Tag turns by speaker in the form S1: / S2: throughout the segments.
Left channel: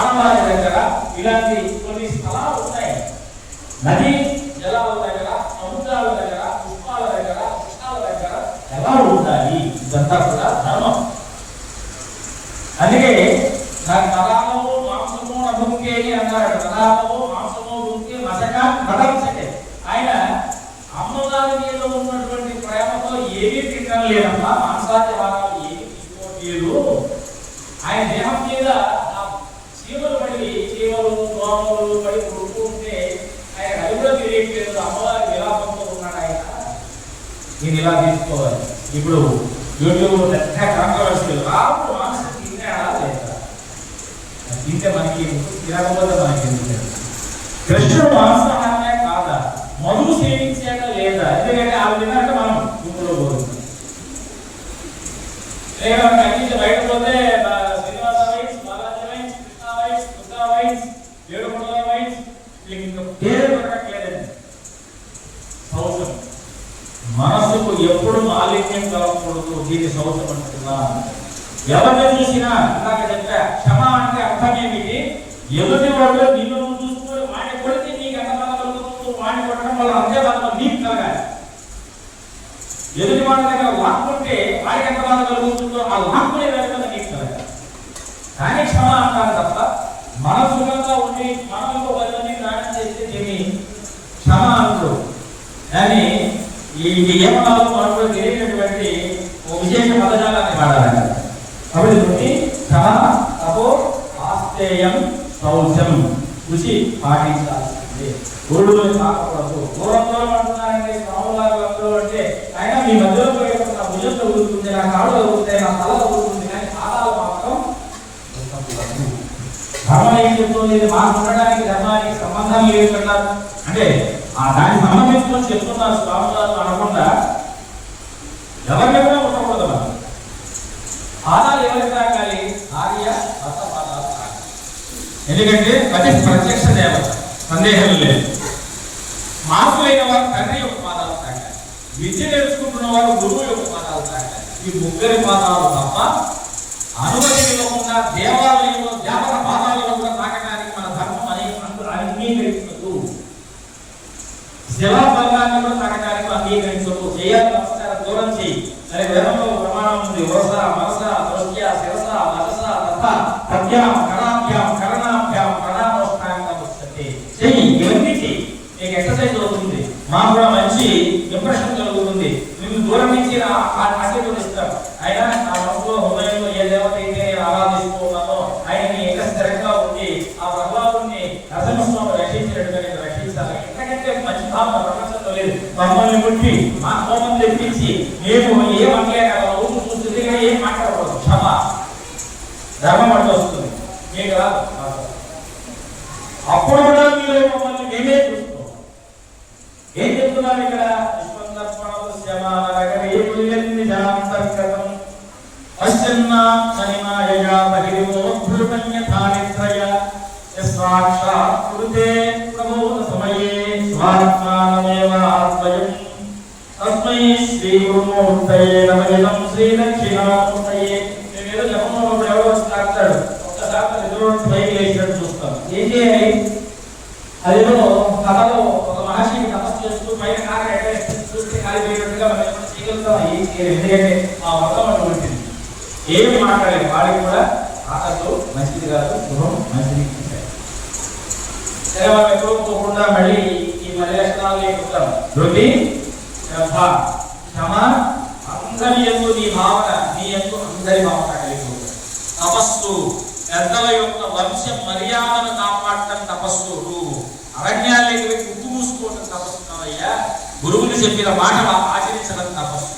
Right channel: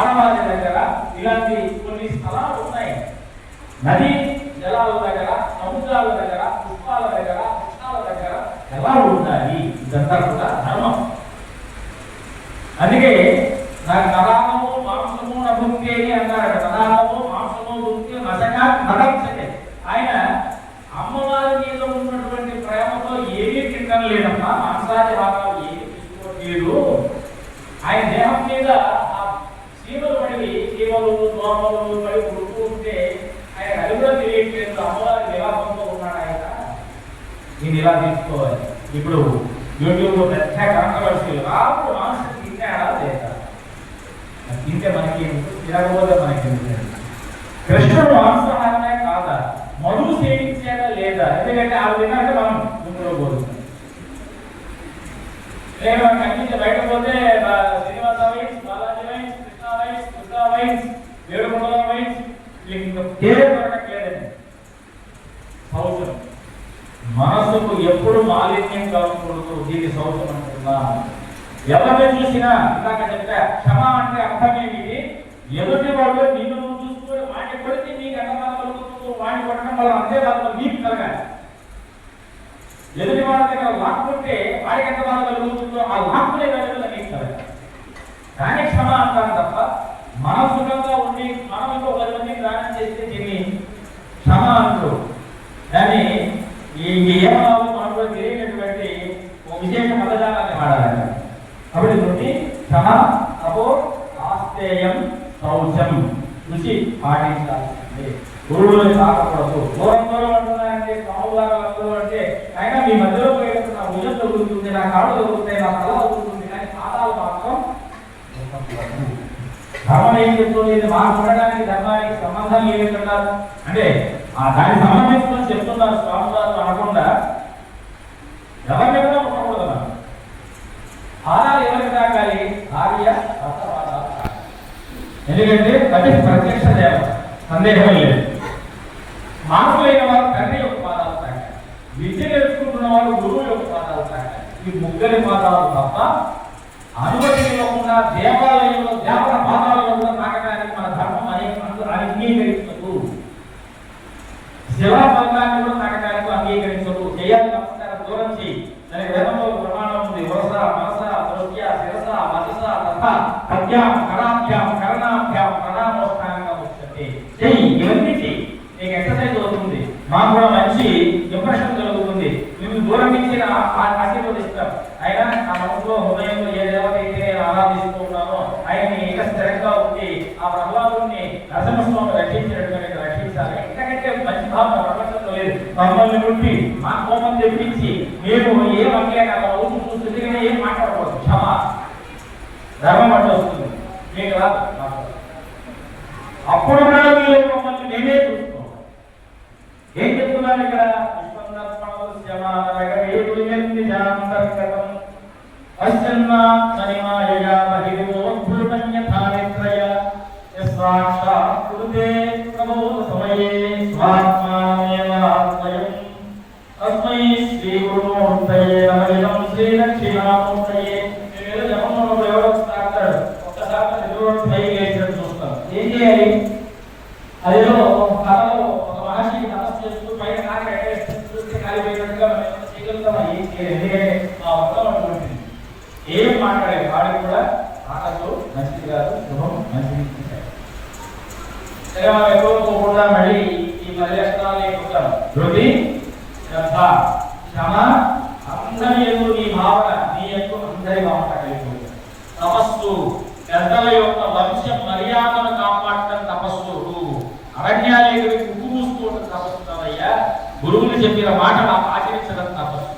S1: ఆడవారి దగ్గర ఇలాంటి కొన్ని స్థలాలు ఉన్నాయి. నది జలాల దగ్గర సముద్రాల దగ్గర పుష్పాల దగ్గర కృష్ణాల దగ్గర ఎలా ఉంటాయి. ఇదంతా కూడా ధర్మం. అందుకే నాకు నరామము మాంసము నభుంకే అని అన్నారట నరామము మాంసము భుక్తి మసక నడవసకే ఆయన అమ్మవారి మీద ఉన్నటువంటి ప్రేమతో ఏమీ తినడం లేదమ్మా. మాంసాది భాగాలు ఏమీ తీసుకోవట్లేదు. ఆయన దేహం మీద పడి చీమలు దోమలు పడి పుడుతూ ఉంటే ఆయన అడుగులో తెలియట్లేదు అమ్మవారి విలాపంతో ఉన్నాడు ఆయన నేను ఇలా తీసుకోవాలి ఇప్పుడు యూట్యూబ్ పెద్ద కాంట్రవర్సీ రాముడు మాంసం తిన్నాడా లేదా తింటే మనకి ఎందుకు? తినకపోతే మనకి ఎందుకు? కృష్ణుడు మాంసాహారమే కాదా మధు సేవించాక లేదా ఎందుకంటే ఆ తిన్నాక మనం గుంపులో పోతుంది లేదా మనకి అన్ని బయట పోతే ఆ, Srinivasa wines Balaji wines Krishna wines Durga wines ఏడుకొండల వైన్స్ ఇవి ఇంకా పేరు. దొరకట్లేదండి సౌసం మనసుకు ఎప్పుడు మాలిన్యం కాకూడదు. దీని సౌసం అంటున్నా ఎవరిని చూసినా ఇందాక చెప్పా క్షమ అంటే అర్థం ఏమిటి? ఎదుటి వాళ్ళు నిన్ను నువ్వు చూసుకుని వాడి కొడితే నీకు ఎంత బాధ వాడిని కొట్టడం వల్ల అంతే బాధ నీకు కలగాలి. ఎదుటి వాళ్ళ దగ్గర లాక్కుంటే వాడికి ఎంత బాధ కలుగుతుందో ఆ లాక్కునే వెళ్ళకుండా నీకు కలగాలి కానీ క్షమ అంటాను తప్ప మన సుఖంగా ఉండి మనం ఇంకో పది మందికి రాణం చేస్తే దీన్ని క్షమ అంటారు కానీ ఈ మనకు తెలియనటువంటి విశేష పదజాలాన్ని వాడాలి కాబట్టి నుండి తపో ఆస్తేయం శౌచం రుచి తాకకూడదు దూరం దూరం అంటున్నారంటే అంటే ఆయన మీ మధ్యలో పోయినప్పుడు నా భుజం తగులుతుంది నా కాడు తగులుతాయి నా తల తగులుతుంది కానీ పాదాలు మాత్రం ధర్మం ఏం చెప్తుంది ఇది మాకు ఉండడానికి ధర్మానికి సంబంధం లేదన్నారు అంటే ఆ దానికి సంబంధించుకొని చెప్తున్నారు స్వామివారు అనకుండా ఎవరిని కూడా ఉండకూడదు మనం. పాదాలు ఎవరికి తాకాలి భార్య ఎందుకంటే అది ప్రత్యక్ష దేవ సందేహం లేదు. మార్పులైన వారు తండ్రి యొక్క పాదాలు తాకాలి విద్య నేర్చుకుంటున్న వారు గురువు యొక్క పాదాలు తాకాలి ఈ ముగ్గురి పాదాలు తప్ప అనుమతి లేకుండా దేవాలయంలో దేవత పాదాలలో కూడా తాకడానికి మన ధర్మం అని అంగీకరించదు సేవా బలాన్ని కూడా తాకడానికి అంగీకరించదు చేయాలి నమస్కారం దూరం చేయి సరే వేదంలో ప్రమాణం ఉంది వరస మనస దృష్ట్య శిరస మనస తథ ప్రజ్ఞాం కరాభ్యాం కరణాభ్యాం ప్రణామోష్టాంగ వస్తుంది చెయ్యి ఇవన్నీ చెయ్యి నీకు ఎక్సర్సైజ్ అవుతుంది మాకు కూడా మంచి ఇంప్రెషన్ కలుగుతుంది. మేము దూరం నుంచి ఆశీర్వదిస్తాం. అయినా ఆ మనసులో హృదయంలో ఏ దేవత అయితే నేను ఆరాధిస్తూ ఉన్నానో ఆయన నీ ఏక స్థిరంగా ఉంది ఆ ప్రహ్లాదుని నరసింహస్వామి రక్షించినట్టుగా నేను రక్షించాలి ఎందుకంటే మంచి భావన ప్రపంచంలో లేదు మమ్మల్ని ముట్టి మా కోపం తెప్పించి మేము ఏం అనలేక అలా ఊరు ఏం మాట్లాడకూడదు. క్షమ. ధర్మం అంటే వస్తుంది. మీకు రాదు అప్పుడు కూడా మీరు మమ్మల్ని మేమే చూసుకోవాలి ఏం చెప్తున్నాను ఇక్కడ? అశ్చన్నా సమయే స్వాత్మ శ్రీ గురుమూర్తయే నమలినం శ్రీ దక్షిణామూర్తయే మీద జపంలో ఎవరో వస్తాడు ఒక్కసారి ఎదురు పైకి వేసినట్టు చూస్తాం ఏం చేయాలి అదేదో కథలో ఒక మహర్షి తపస్సు చేస్తూ పైన కాక ఎగరేస్తూ చూస్తే కాలిపోయినట్టుగా మనం చేయగలుగుతాం ఎందుకంటే ఆ మొత్తం అటువంటిది ఏమి మాట్లాడలేదు వాడికి కూడా ఆకలితో మంచిది కాదు గృహం మంచిది కాదు. సరే మనం ఎక్కడో మళ్ళీ ఈ మధ్య లక్షణాలు ఎక్కుతాం ధృతి శ్రద్ధ క్షమ అందరి ఎందు నీ భావన నీ ఎందు అందరి భావన కలిగిపోతుంది తపస్సు పెద్దల యొక్క వంశ మర్యాదను కాపాడటం తపస్సు అరణ్యాలు వెళ్ళి ఉప్పు మూసుకోవటం తపస్సు కాదయ్యా గురువులు చెప్పిన మాటలు ఆచరించడం తపస్సు.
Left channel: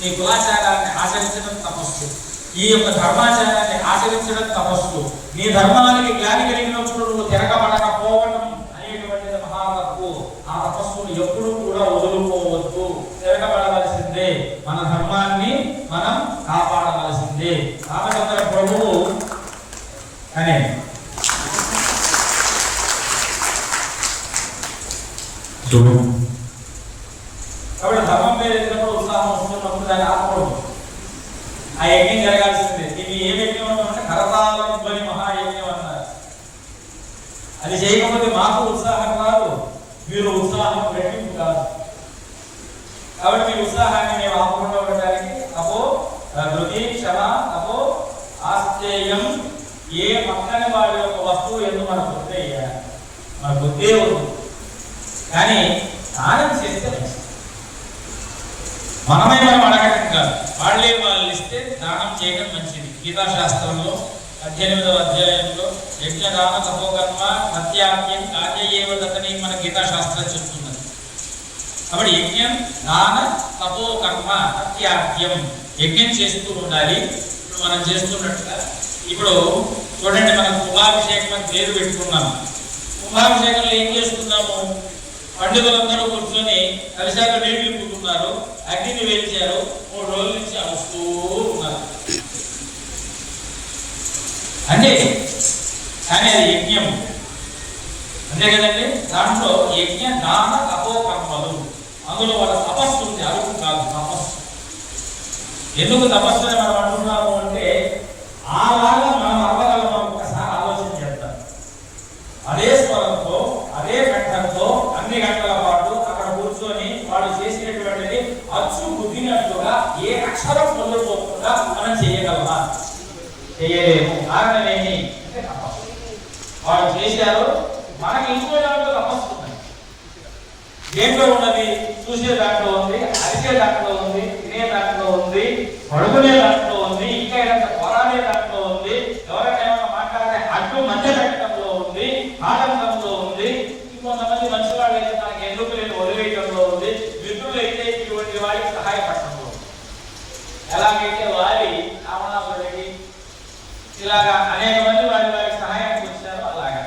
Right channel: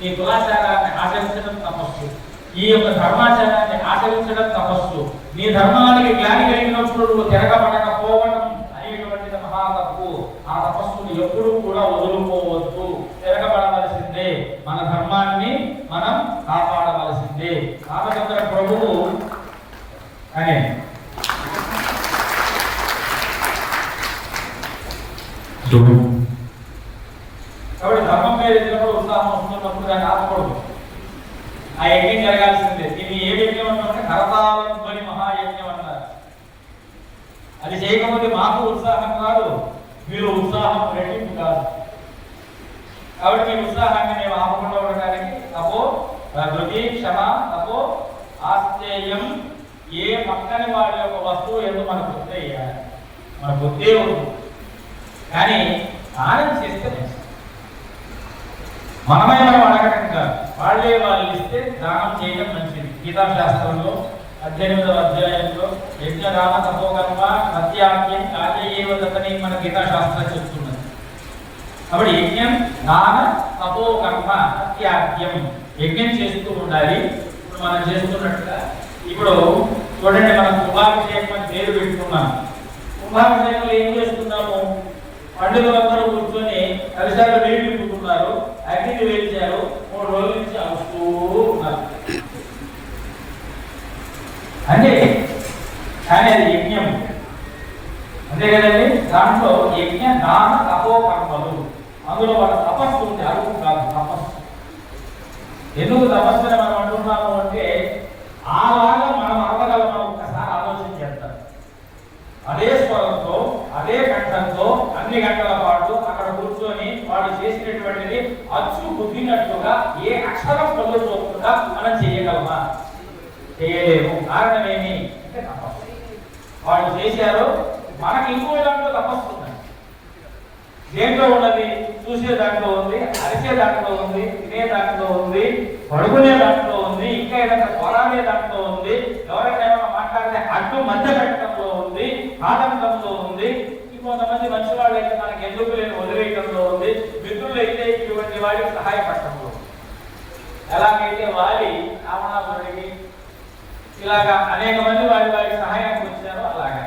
S1: నీ కులాచారాన్ని ఆచరించడం తపస్సు. ఈ యొక్క ధర్మాచారాన్ని ఆచరించడం తపస్సు. నీ ధర్మానికి గ్లాని కలిగినప్పుడు నువ్వు తిరగబడకపోవడం అనేటువంటిది మహా తప్పు ఆ తపస్సును ఎప్పుడూ కూడా వదులుకోవద్దు. తిరగబడవలసిందే. మన ధర్మాన్ని మనం కాపాడవలసిందే. రామచంద్ర ప్రభువు అనే కాబట్టి ధర్మం మీద ఎన్నప్పుడు ఉత్సాహం వస్తున్నప్పుడు దాన్ని ఆపకూడదు ఆ యజ్ఞం జరగాల్సిందే. ఇది ఏ యజ్ఞం అంటే కరతాళం ధ్వని మహాయజ్ఞం అన్నారు అది చేయకపోతే మాకు ఉత్సాహం కాదు మీరు ఉత్సాహం రెట్టింపు కాదు. కాబట్టి మీరు ఉత్సాహాన్ని మేము ఆపకుండా ఉండడానికి తపో ప్రకృతి క్షమ తపో ఆశ్చర్యం ఏ పక్కన వాడి యొక్క వస్తువు ఎందుకు మన బుద్ధి మన బుద్ధి ఉంది. కానీ దానం చేస్తే మనమే మనం అడగటం కాదు. వాళ్ళే వాళ్ళు ఇస్తే దానం చేయడం మంచిది. గీతా శాస్త్రంలో పద్దెనిమిదవ అధ్యాయంలో యజ్ఞ దాన తపోకర్మ సత్యాజ్ఞం కార్యేవ దత్తని మన గీతా శాస్త్రం చెప్తున్నది. కాబట్టి యజ్ఞం దాన తపోకర్మ సత్యాజ్ఞం యజ్ఞం చేస్తూ ఉండాలి. ఇప్పుడు మనం చేస్తున్నట్టుగా ఇప్పుడు చూడండి మనం కుంభాభిషేకం అని పేరు పెట్టుకున్నాం. కుంభాభిషేకంలో ఏం చేస్తున్నాము? పండుగలందరూ కూర్చొని కలిసాలు నీళ్ళు నింపుకున్నారు. అగ్నిని వేల్చారు మూడు రోజుల నుంచి అవస్తూ ఉన్నారు. అంటే కానీ అది యజ్ఞం. అంతే కదండి? దాంట్లో యజ్ఞ నాన తపో కర్మలు. అందులో వాళ్ళ తపస్సు ఉంది. అరుగు కాదు తపస్సు. ఎందుకు తపస్సు అని మనం అంటున్నాము అంటే ఆ అచ్చు ఏ అక్షరం పొందుకోకుండా మనం చేయగలమా? చేయలేము. కారణమేమి ఏమి? అంటే తపస్సు చేశారు. మనకి ఇంకో దాంట్లో తపస్సు ఉంది. దేంట్లో ఉన్నది? చూసే దాంట్లో ఉంది అరిచే దాంట్లో ఉంది తినే దాంట్లో ఉంది పడుకునే దాంట్లో ఉంది ఇంకా ఏదైనా పోరాడే దాంట్లో ఉంది ఎవరికైనా మాట్లాడితే అడ్డు మధ్య పెట్టడంలో ఉంది ఆటంకంలో ఉంది. ఇంకొంతమంది మంచి వాళ్ళు అయితే మనకి ఎందుకు లేని వదిలేయడంలో ఉంది మిత్రులు అయితే ఇటువంటి వారికి సహాయపడటంలో ఎలాగైతే వారి రావణాసురుడికి ఇలాగా అనేక మంది వారి వారికి సహాయం వచ్చారు అలాగే.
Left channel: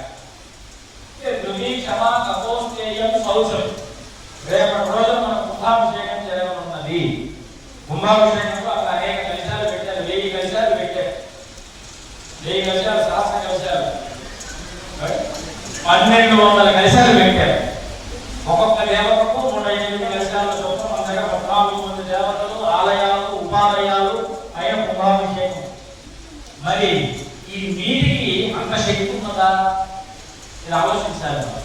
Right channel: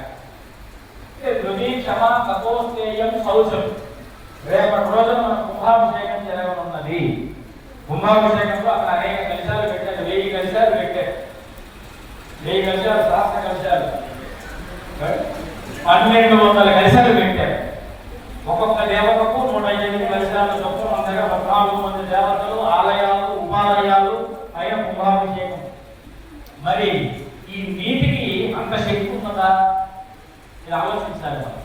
S1: ధృవీ క్షమ తపోస్తేయం సౌచం రేపటి రోజు మనం కుంభాభిషేకం జరగనున్నది కుంభాభిషేకం ఒక్కొక్క లేబర్కు మూడు ఎనిమిది లక్షల మొత్తం అందరూ పద్నాలుగు మంది దేవతలు ఆలయాలు ఉపాలయాలు ఆయన మరి ఈ నీటికి అంత శక్తి ఉన్నదా? ఇది ఆలోచించాలి.